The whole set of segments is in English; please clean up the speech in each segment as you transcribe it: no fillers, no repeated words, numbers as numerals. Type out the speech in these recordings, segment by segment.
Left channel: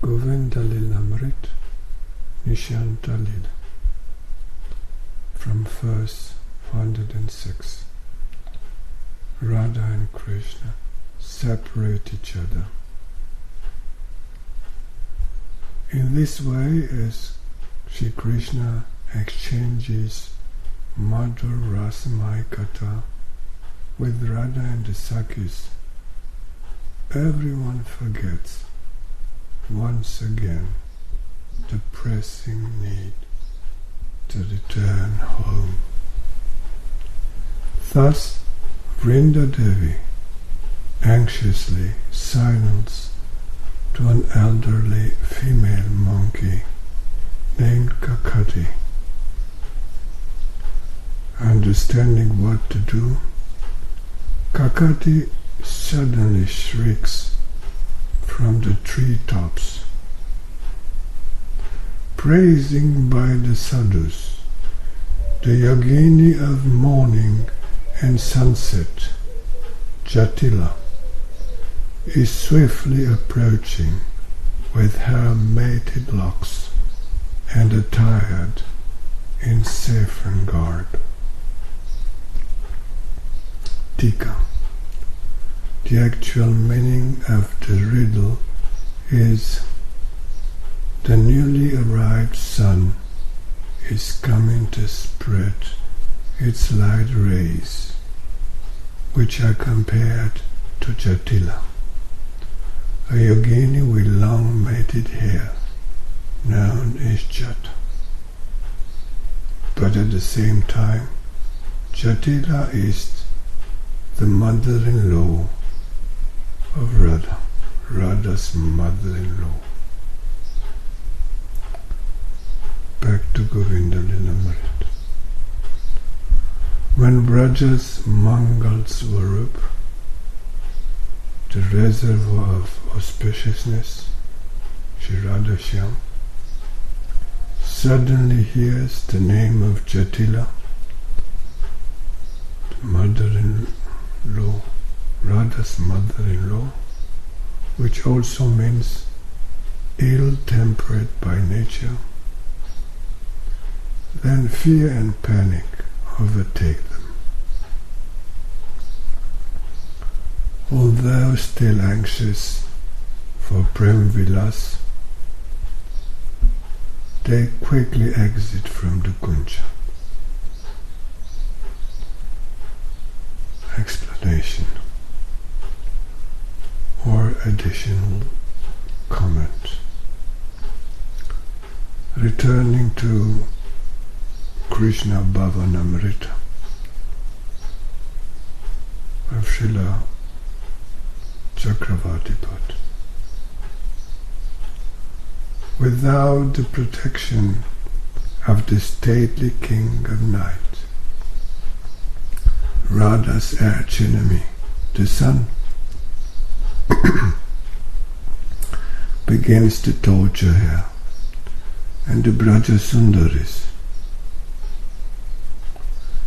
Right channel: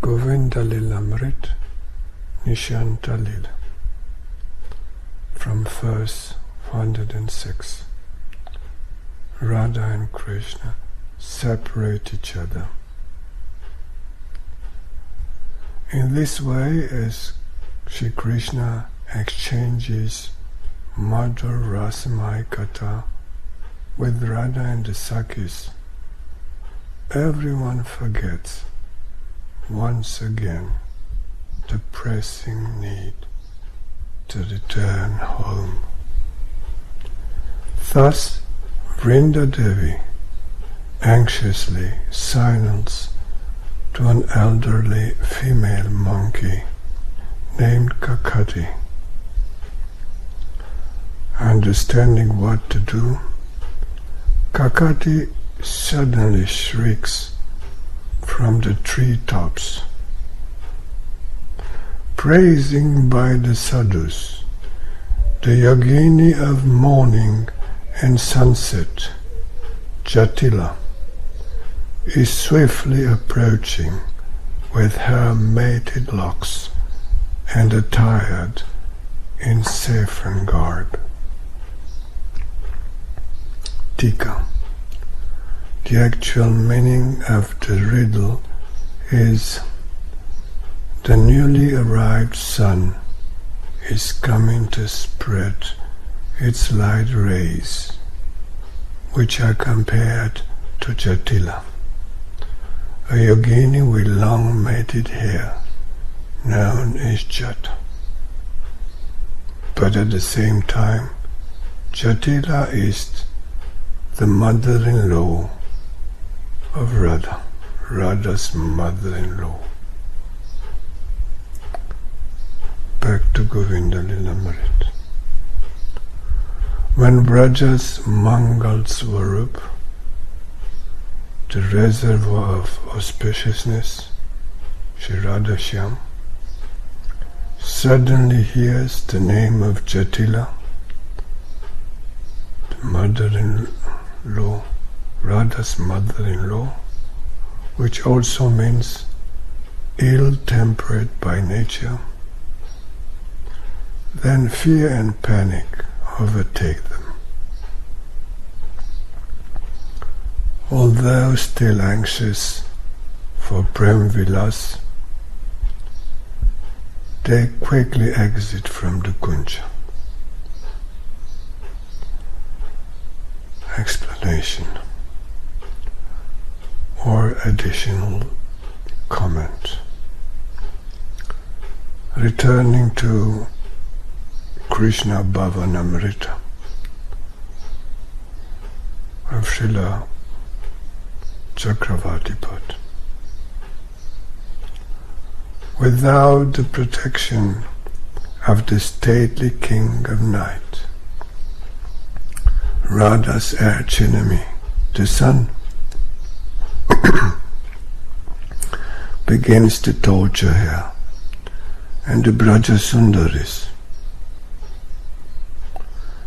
Govinda Līlāmṛta Niśanta Lila from verse 106. Rādhā and Kṛṣṇa separate each other. In this way, as Śrī Kṛṣṇa exchanges mādhura, rasamaya, katha with Vraja and the sakhīs, everyone forgets once again the pressing need to return home. Thus Vṛnda Devi anxiously signals to an elderly female monkey named Kakkhatī. Understanding what to do, Kakkhatī suddenly shrieks from the treetops, praising by the sadhus, the yogini of morning and sunset. Jaṭila is swiftly approaching with her mated locks and attired in saffron garb. Ṭīkā. The actual meaning of the riddle is: the newly arrived sun is coming to spread its light rays, which are compared to Jaṭila, a yogini with long matted hair, known as jaṭā. But at the same time, Jaṭila is the mother-in-law of Radha, Radha's mother-in-law. Back to Govinda Līlāmṛta. When Vraja's maṅgala svarūpa, the reservoir of auspiciousness, Śrī Rādhā-Śyāma, suddenly hears the name of Jaṭila, the mother-in-law, Radha's mother-in-law, which also means ill-tempered by nature, then fear and panic overtake them. Although still anxious for prema vilāsa, they quickly exit from the kuñja. Explanation or additional comment. Returning to Krishna Bhavanamrita of Srila Chakravarti put. Without the protection of the stately king of night, Radha's archenemy, the sun, begins to torture her, and the Vraja Sundaris,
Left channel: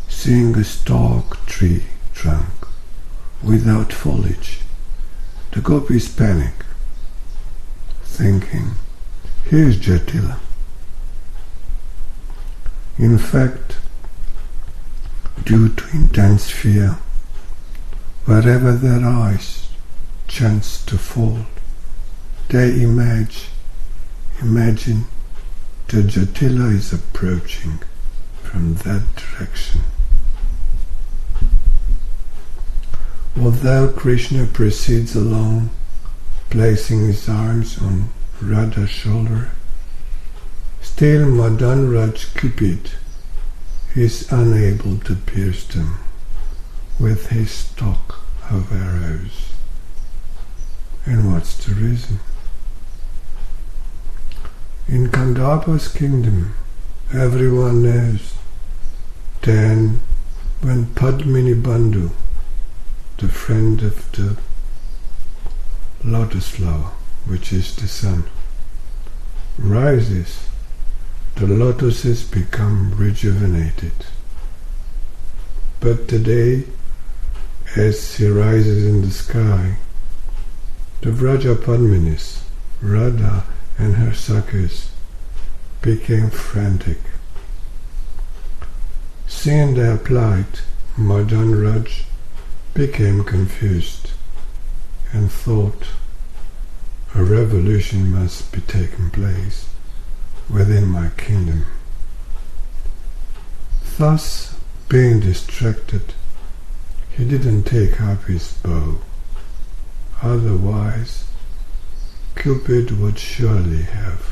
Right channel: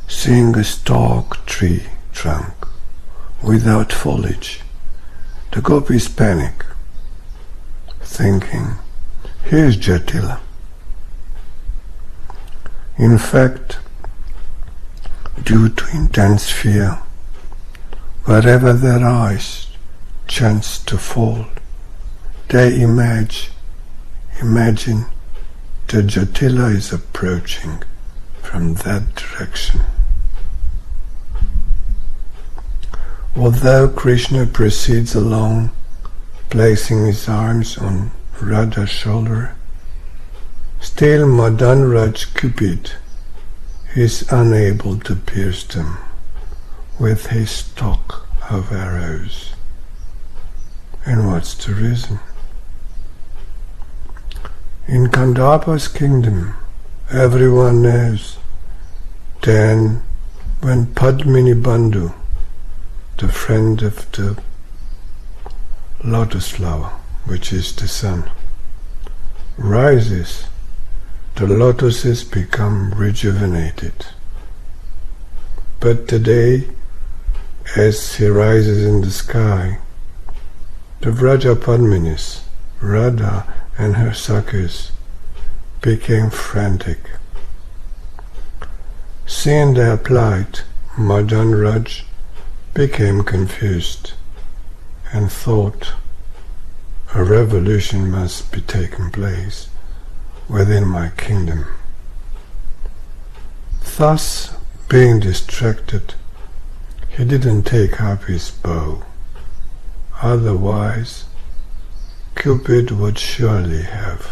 seeing a stark tree trunk without foliage, the gopis panic, thinking, here's Jaṭila. In fact, due to intense fear, wherever their eyes chance to fall, they imagine that Jaṭila is approaching from that direction. Although Krishna proceeds along, placing his arms on Radha's shoulder, still Madanraj Cupid is unable to pierce them with his stock of arrows. And what's the reason? In Kandava's kingdom, everyone knows then when Padmini Bandhu, the friend of the lotus flower, which is the sun, rises, the lotuses become rejuvenated. But today, as he rises in the sky, the Vraja Padminis, Rādhā and her sakhīs became frantic. Seeing their plight, Madan Raj became confused and thought a revolution must be taking place within my kingdom. Thus, being distracted, he didn't take up his bow. Otherwise, Cupid would surely have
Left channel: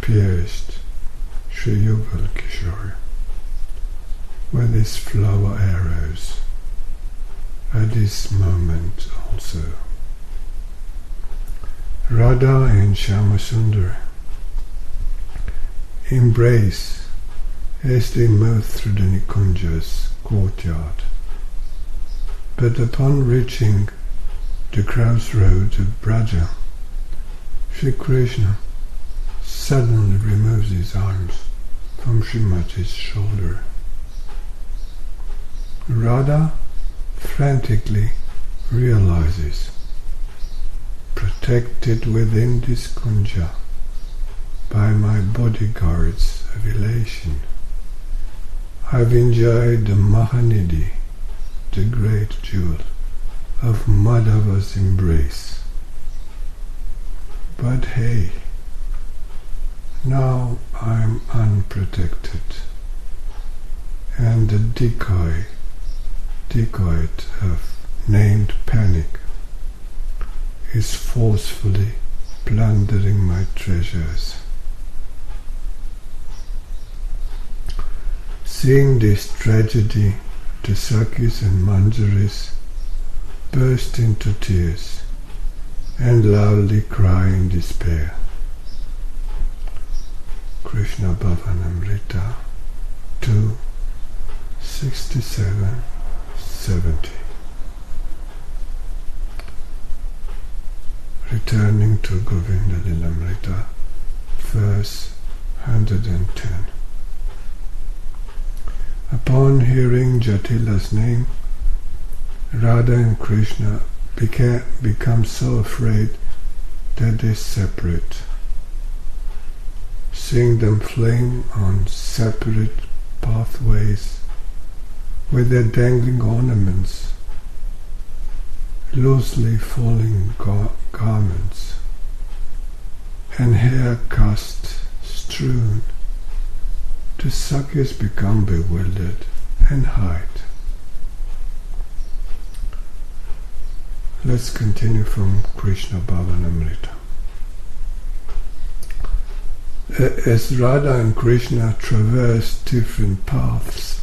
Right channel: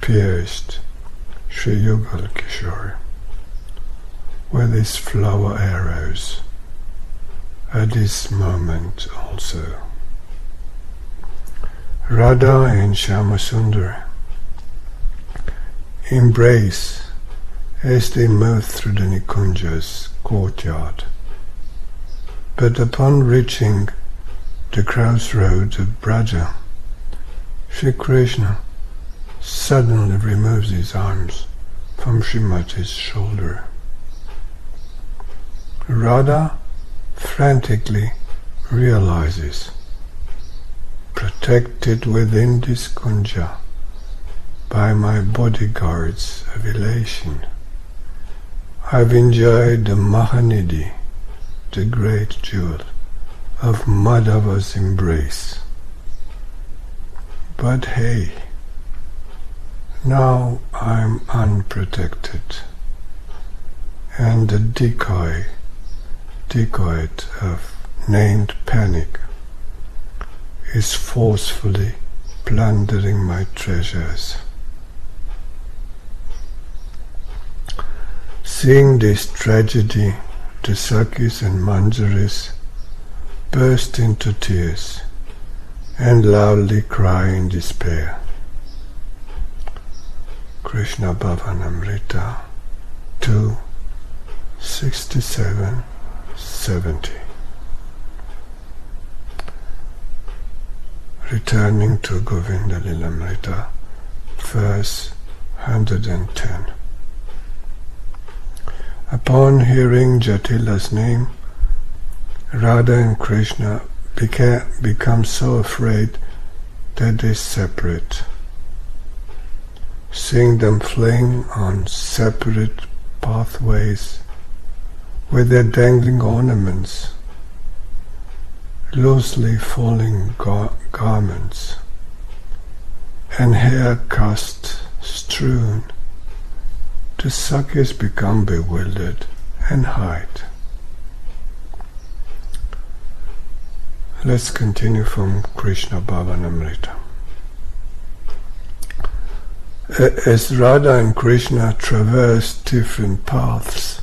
pierced Śrī Kṛṣṇa with his flower arrows at this moment also. Rādhā and Śyāma embrace as they move through the kuñja's courtyard, but upon reaching the crossroads of Vraja, Śrī Kṛṣṇa suddenly removes his arms from Srimati's shoulder. Rādhā frantically realizes, protected within this kuñja by my bodyguards of elation, I've enjoyed the Mahanidhi, the great jewel of Madhava's embrace. But hey, now I'm unprotected, and the decoy of named panic is forcefully plundering my treasures. Seeing this tragedy, the sakhīs and manjaris burst into tears and loudly cry in despair. Krishna Bhavanamrita 2, 67-70. Returning to Govinda Līlāmṛta, verse 110. Upon hearing Jaṭila's name, Rādhā and Kṛṣṇa become so afraid that they separate. Seeing them fleeing on separate pathways with their dangling ornaments, loosely falling garments, and hair cast strewn, the sakhīs become bewildered and hide. Let's continue from Krishna Bhavanamrita. As Rādhā and Kṛṣṇa traverse different paths,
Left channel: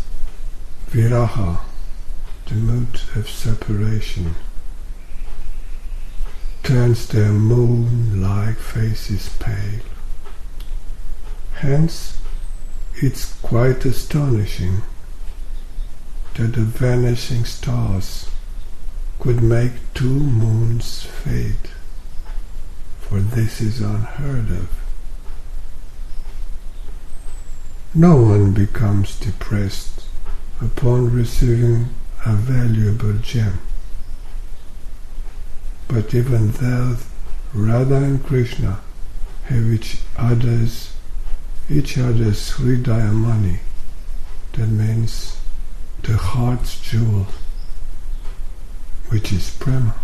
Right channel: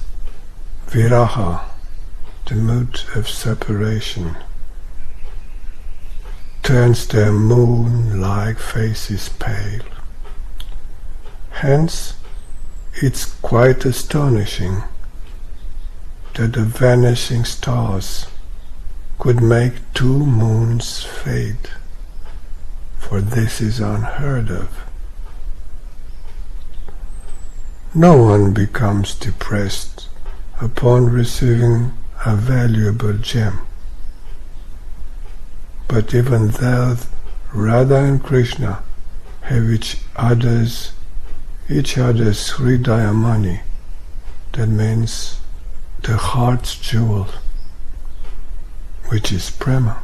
Viraha, the mood of separation, turns their moon-like faces pale. Hence, it's quite astonishing that the vanishing stars could make two moons fade, for this is unheard of. No one becomes depressed upon receiving a valuable gem. But even though Rādhā and Kṛṣṇa have each other's hridaya money, that means the heart's jewel, which is prema,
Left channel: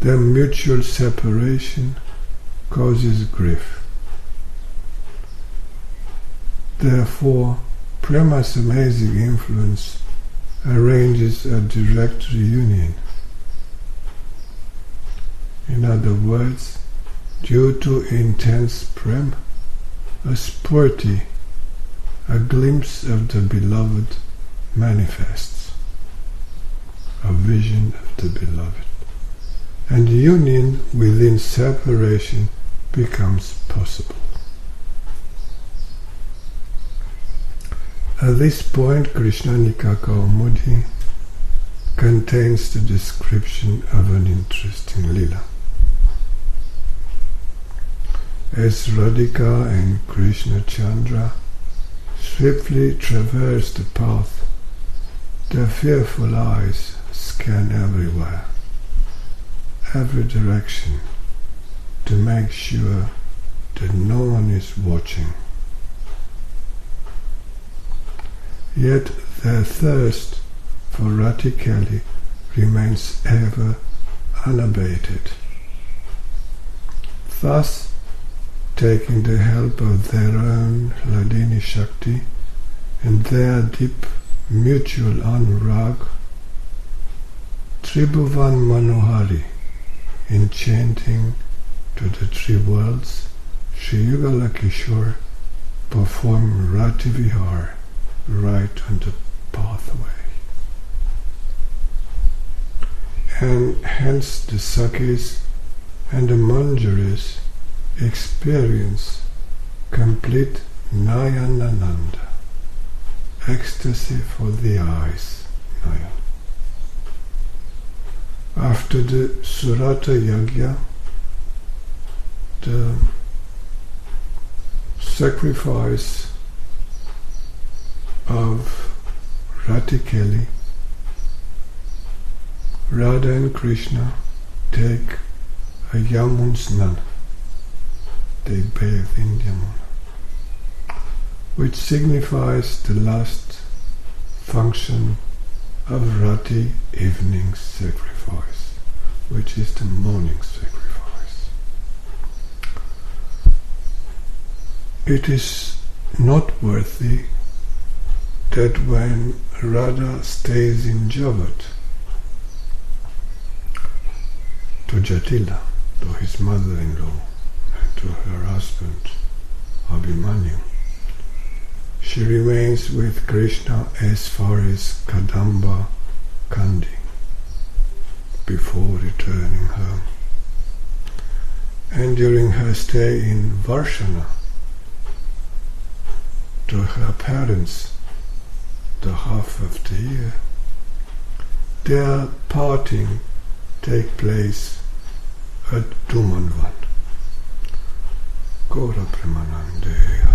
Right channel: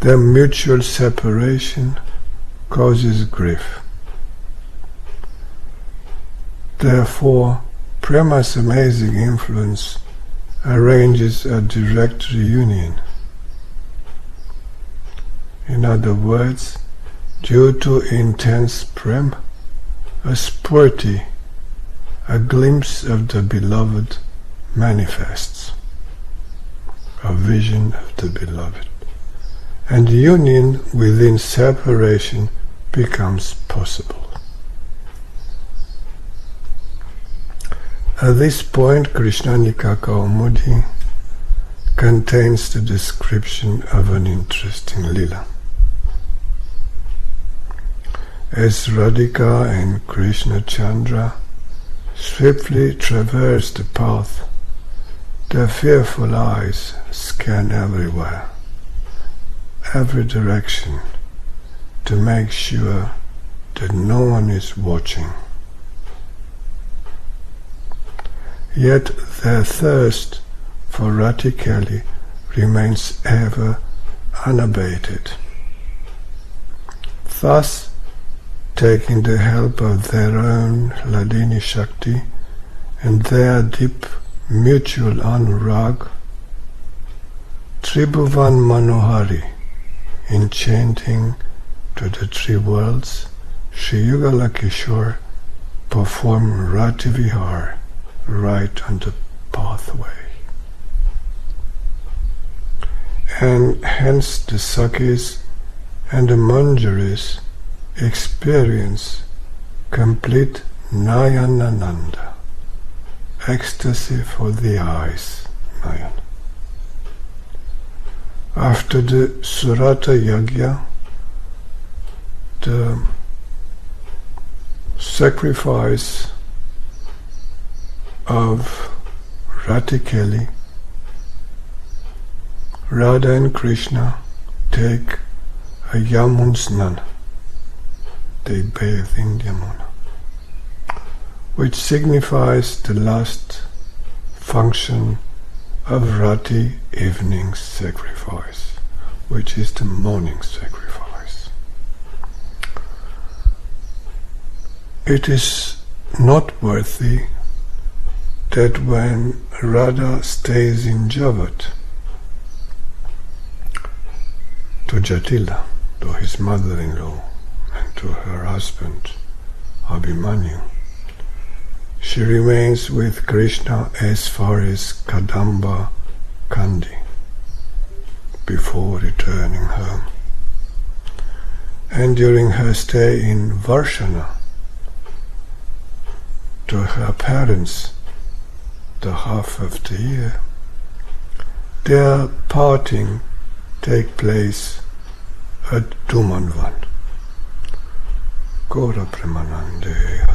their mutual separation causes grief. Therefore, prema's amazing influence arranges a direct reunion. In other words, due to intense prema, a spurti, a glimpse of the beloved, manifests, a vision of the beloved, and union within separation becomes possible. At this point, Krishnanika Kaumudi contains the description of an interesting lila. As Radhika and Krishna Chandra swiftly traverse the path, their fearful eyes scan everywhere, every direction, to make sure that no one is watching. Yet their thirst for Ratikali remains ever unabated. Thus, taking the help of their own Hladini Shakti and their deep mutual anurag, Tribhuvan Manohari, enchanting to the three worlds, Shri Yugala Kishore perform Rati Vihar right on the pathway. And hence the sakhīs and the manjaris experience complete Nayanananda, ecstasy for the eyes, Nayan. After the Surata Yagya, the sacrifice of Ratikali, Rādhā and Kṛṣṇa take a Yamun Snan. They bathe in Yamuna, which signifies the last function of Rati evening sacrifice, which is the morning sacrifice. It is noteworthy that when Radha stays in Javat, to Jaṭila, to his mother-in-law, and to her husband, Abhimanyu, she remains with Krishna as far as Kadamba Kandi, before returning home. And during her stay in Varshana, to her parents, the half of the year, their parting take place at Dumanvan. Gora Premanande